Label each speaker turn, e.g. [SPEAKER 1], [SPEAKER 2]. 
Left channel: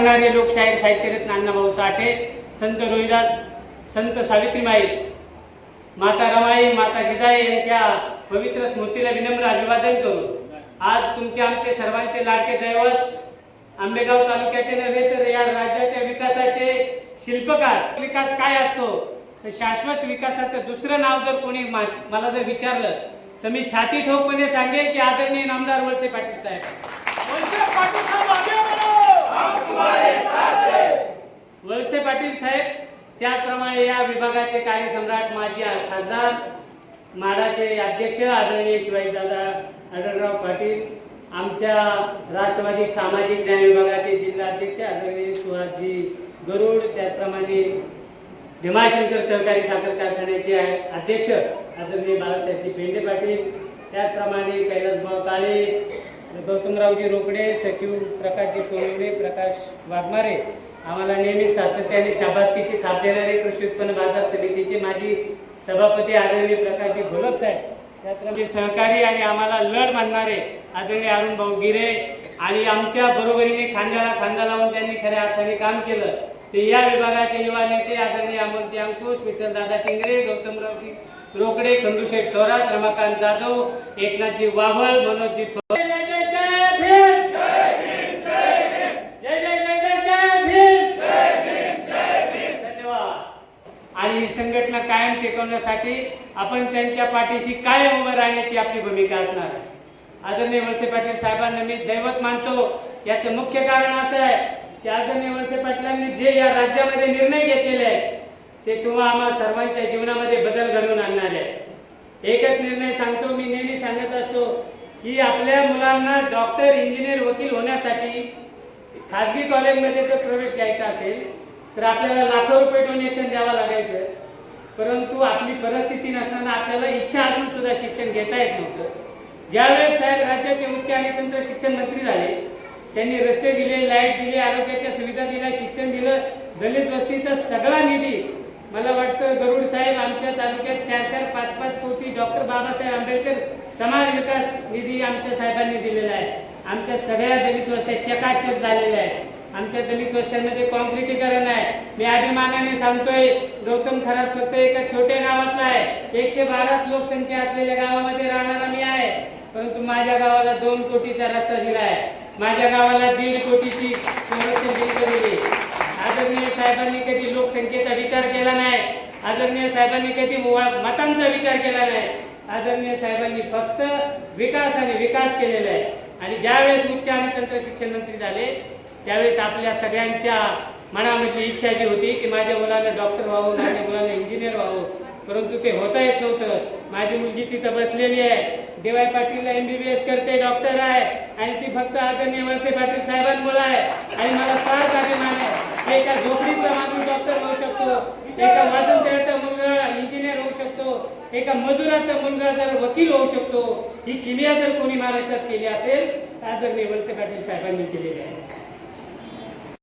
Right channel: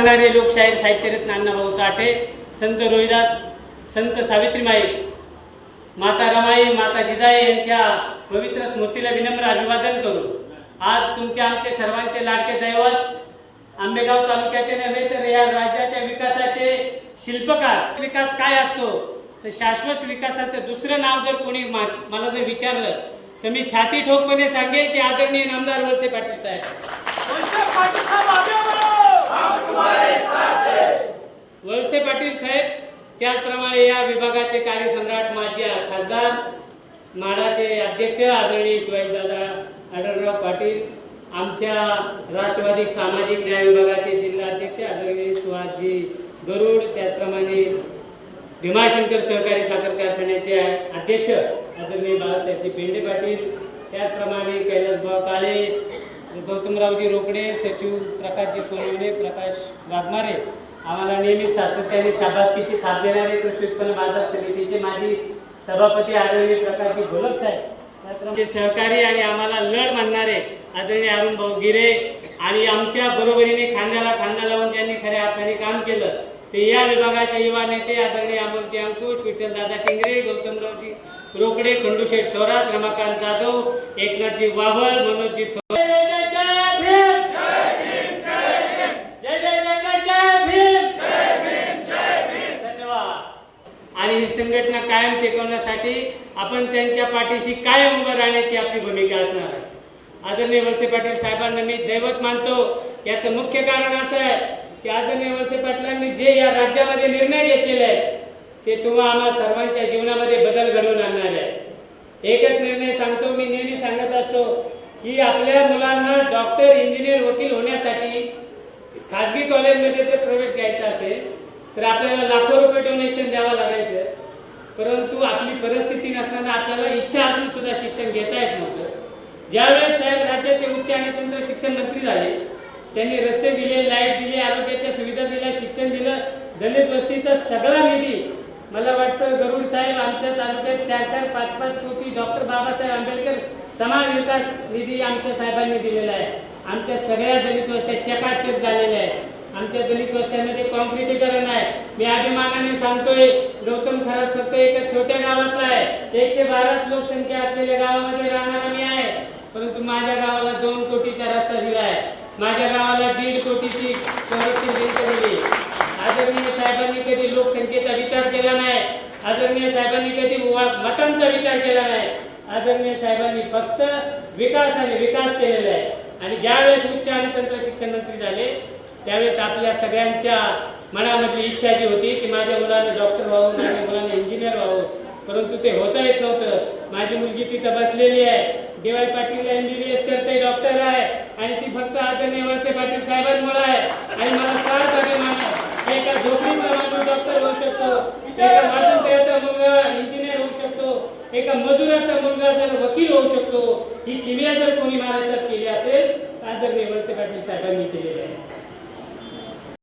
[SPEAKER 1] सांगणारे लोकशाहीर साहित्यरत्न अण्णाभाऊ साठे संत रोहिदास संत सावित्रीमाई माता रमाई माता जिजाई यांच्या पवित्र स्मृतीला विनम्र अभिवादन करून आज तुमचे आमचे सर्वांचे लाडके दैवत आंबेगाव तालुक्याचे नव्हे तर या राज्याच्या विकासाचे शिल्पकार. विकास काय असतो? तर शाश्वत विकासाचं दुसरं नाव जर कोणी मा- मला जर विचारलं तर मी छाती ठोकपणे सांगेल की आदरणीय नामदार वळसे पाटील साहेब.
[SPEAKER 2] वळसे पाटील साहेब
[SPEAKER 1] वळसे पाटील साहेब त्याचप्रमाणे या विभागाचे कार्यसम्राट माजी खासदार माडाचे अध्यक्ष आदरणीय शिवाजीदादा आढळराव पाटील आमच्या राष्ट्रवादी सामाजिक न्याय विभागाचे जिल्हाध्यक्ष आदरणीय सुहासजी गरुड त्याचप्रमाणे भीमाशंकर सहकारी साखर कारखान्याचे अध्यक्ष आदरणीय बाळासाहेबजी पेंडे पाटील त्याचप्रमाणे कैलासभाऊ काळे गौतमरावजी रोकडे सचिव प्रकाशजी सोनवणे प्रकाश वाघमारे आम्हाला नेहमी सातत्याने शाबासकीची थाप देणारे कृषी उत्पन्न बाजार समितीचे माजी सभापती आदरणीय प्रकाशजी घोलप साहेब. त्याप्रमाणे सहकारी आणि आम्हाला लढ मानणारे आदरणीय अरुण भाऊ गिरे आणि आमच्या बरोबरीने खांद्याला खांदा लावून ज्यांनी खऱ्या अर्थाने काम केलं ते या विभागाचे युवा नेते आदरणीय अमोलजी अंकुश विठ्ठलदादा टिंगरे गौतमरावजी रोकडे खंडूशेठ थोरात रमाकांत जाधव एकनाथजी वावळ मनोजजी थोरात. आणि ही संघटना कायम टिकवण्यासाठी आपण त्यांच्या पाठीशी कायम उभं राहण्याची आपली भूमिका असणार आहे. आदरणीय वळसे पाटील साहेबांना मी दैवत मानतो. याचं मुख्य कारण असं आहे की आदरणीय वळसे पाटलांनी जे या राज्यामध्ये निर्णय घेतलेले आहेत ते तुम्हा आम्हा सर्वांच्या जीवनामध्ये बदल घडवून आणणार आहे एकच निर्णय सांगतो मी नेहमी सांगत असतो की आपल्या मुलांना डॉक्टर इंजिनियर वकील होण्यासाठी खाजगी कॉलेजमध्ये जर प्रवेश घ्यायचा असेल तर आपल्याला लाखो रुपये डोनेशन द्यावं लागायचं. परंतु आपली परिस्थिती नसताना आपल्याला इच्छा असून सुद्धा शिक्षण घेता येत नव्हतं. ज्यावेळेस साहेब राज्याचे उच्च आणि तंत्र शिक्षण मंत्री झाले त्यांनी रस्ते दिले लाइट दिले आरोग्याच्या सुविधा दिल्या शिक्षण दिलं दलित वस्तीचा सगळा निधी. मला वाटतं गरुड साहेब आमच्या तालुक्यात चार चार पाच पाच कोटी डॉक्टर बाबासाहेब आंबेडकर समाज विकास निधी आमच्या साहेबांनी दिलेला आहे. आमच्या सगळ्या दलित वस्त्या चकाचक झालेल्या आहेत. आमच्या दलित वस्त्यांमध्ये कॉन्क्रिटीकरण आहे मी अभिमानाने सांगतोय गौतम खरात फक्त एका छोट्या गावातला आहे. एकशे बारा लोकसंख्या असलेल्या गावामध्ये राहणारा मी आहे. परंतु माझ्या गावाला दोन कोटीचा रस्ता दिला आहे. माझ्या गावाला दीड कोटीची संरक्षण भिंत दिली आदरणीय साहेबांनी कधी लोकसंख्येचा विचार केला नाही. आदरणीय साहेबांनी कधी वा- मतांचा विचार केला नाही. आदरणीय साहेबांनी फक्त विकास आणि विकास केलेला आहे. आणि ज्यावेळेस उच्च आणि तंत्र शिक्षण मंत्री झाले त्यावेळेस आपल्या सगळ्यांच्या मनामधली इच्छा जी होती की माझ्या मुलानं डॉक्टर व्हावं माझ्या मुलानं इंजिनियर व्हावं. परंतु ते होता येत नव्हतं. माझी मुलगी तिथं बसलेली आहे. देवाई पाटीलला एमबीबीएस करते डॉक्टर आहे. आणि ती फक्त आदरणीय वळसे पाटील साहेबांमुळे आहे. आणि मला सार्थ अभिमान आहे एका झोपडीतला माणूस डॉक्टर होऊ शकतो. एका माझ्या मुलगा इंजिनियर होऊ शकतो. एका मजुराचा मुलगा जर वकील होऊ शकतो. ही किमया जर कोणी महाराष्ट्रात केली असेल तर आदरणीय वळसे पाटील साहेबांनी केलेली आहे.